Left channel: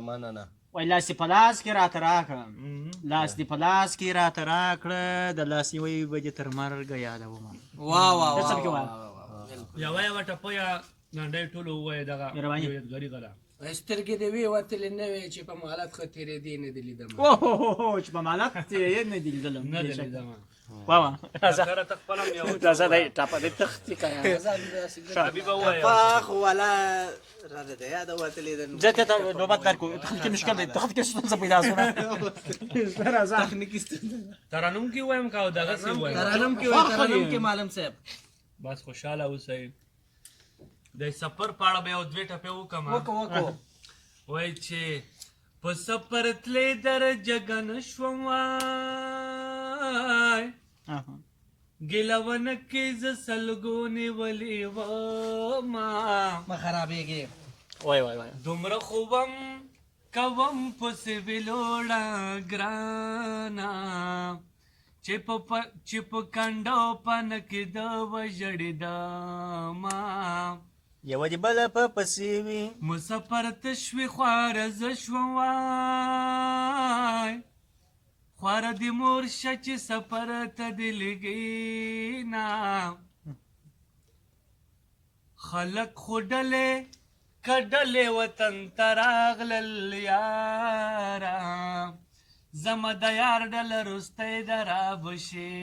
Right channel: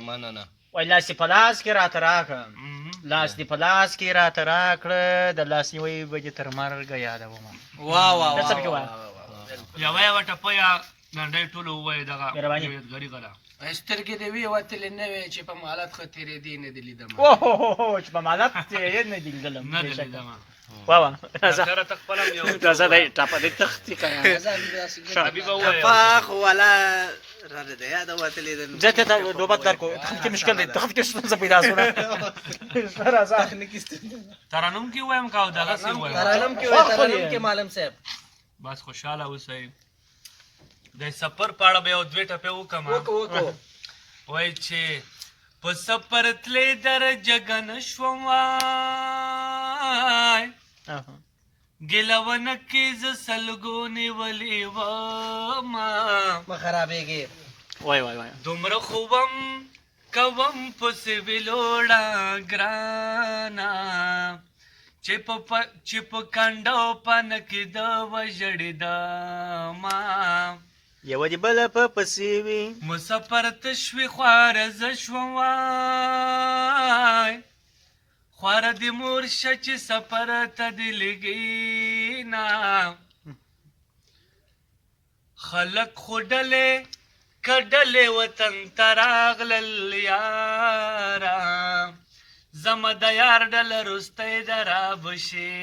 مننه وای لاس دې په لاس کې راته راکړه لاس دې په لاس کې راته راکړه د لاس نیوی به دې تر مرګه یادومه ته څه پکې وایه یوه ټپه یا لنډۍ ټولو ووایه دغه یادګاري غله سترګې دې وې وتلې نه وې چې په مالت ښه تېرېدې نه دې لیدم اوه چې په مالت تېرېدې نه دې لیدلم نه دې لیدم واه راځه خپله راځه دی ټاپه دې تختې که حبیبه ووایه ټپه خو والا راته د یاده وتلې ده زه ته نوبت درکړو تخت کې مشکل دی تخت کې ستونزه پیدا شوه ترنم کې وایم که او دغسې وایم ترنم کې وایي ترنم کې معلم صاحب بس خوشحاله اوسئ د سفر په اړه به یو دوې ټپې وکړم وایي چې په سفر تلې درجګه نه شوم وای ګیله ونه کې زه سلګو نیولې ومه مه خرابېږې وای وای وای دومره خوبم کوم پسې ویلوړه ګرانه چې په کنډو پنه کې د وژړېدمه یوه دې بله په پسې وي مسافر تشوي خواره زه شوم وای خواره دې مور شه چې سفر ته دې لګېنه خلک خو ډلې کډلې وطن ته راغلل یاره زما د یار ډله رستی د رابشې